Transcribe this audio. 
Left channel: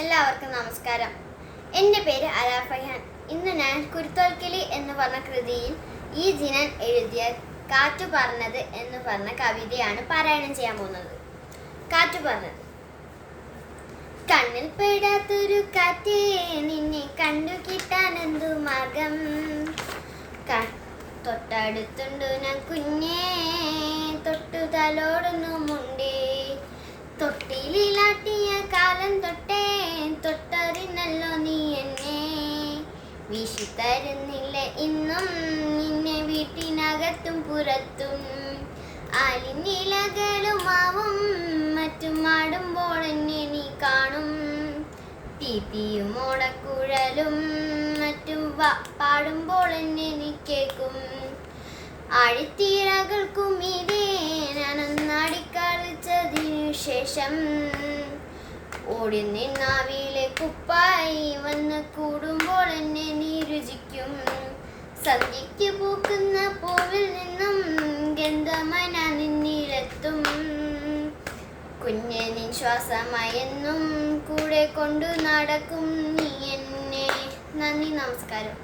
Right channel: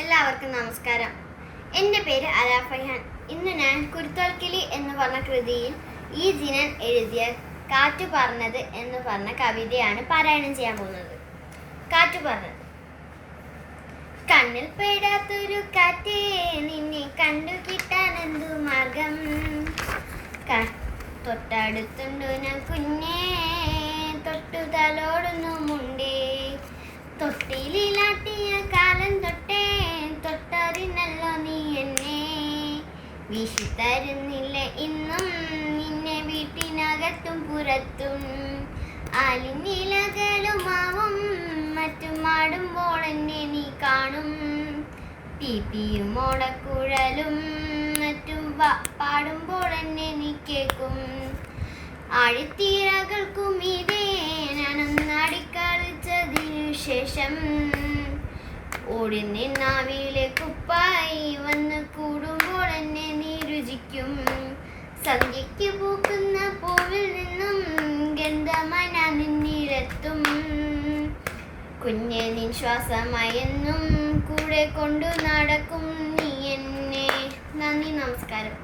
എല്ലാവർക്കും നമസ്കാരം. എൻ്റെ പേര് അലാഫൈഹാൻ. ഇന്ന് ഞാൻ കുരുത്തോൽക്കിളി എന്ന് പറഞ്ഞ കൃതിയിൽ ഈ ജിനൻ എഴുതിയ കാറ്റു പറഞ്ഞത് എന്ന് പറഞ്ഞ കവിതയാണ് പാരായണം ചെയ്യാൻ പോകുന്നത്. കാറ്റു പറഞ്ഞത്. കണ്ണിൽ പെടാത്തൊരു കാറ്റേ, നിന്നെ കണ്ടു കിട്ടാൻ എന്തു മാർഗം? തൊട്ടടുത്തുണ്ടു ഞാൻ കുഞ്ഞേ, തൊട്ടു തലോടുന്നുമുണ്ടേ. തൊട്ടിലാട്ടിയ കാലം തൊട്ടേ, തൊട്ടറിഞ്ഞല്ലോ നീ എന്നെ. വീശിത്തരുന്നില്ല ഇന്നും നിന്നെ വീട്ടിനകത്തും പുറത്തും. ആലിനിലകളുമാവും മറ്റും ആടുമ്പോൾ എന്നെ നീ കാണും. പീപ്പിയും ഓടക്കുഴലും മറ്റും പാടുമ്പോൾ എന്നെ നീ കേൾക്കും. ആഴിത്തീരകൾക്കും ഇതേ ഞാനൊന്നാടിക്കളിച്ചതിനു ശേഷം ഓടി നിന്നാവിലെ കുപ്പായി വന്ന് കൂടുമ്പോൾ എന്നെ നീ രുചിക്കും. സന്ധ്യയ്ക്ക് പൂക്കുന്ന പൂവിൽ നിന്നും ഗന്ധമായി ഞാൻ നിന്നിലെത്തും. കുഞ്ഞെ നിൻ ശ്വാസമായെന്നും കൂടെ കൊണ്ടു നടക്കും നീ എന്നെ. നന്ദി, നമസ്കാരം.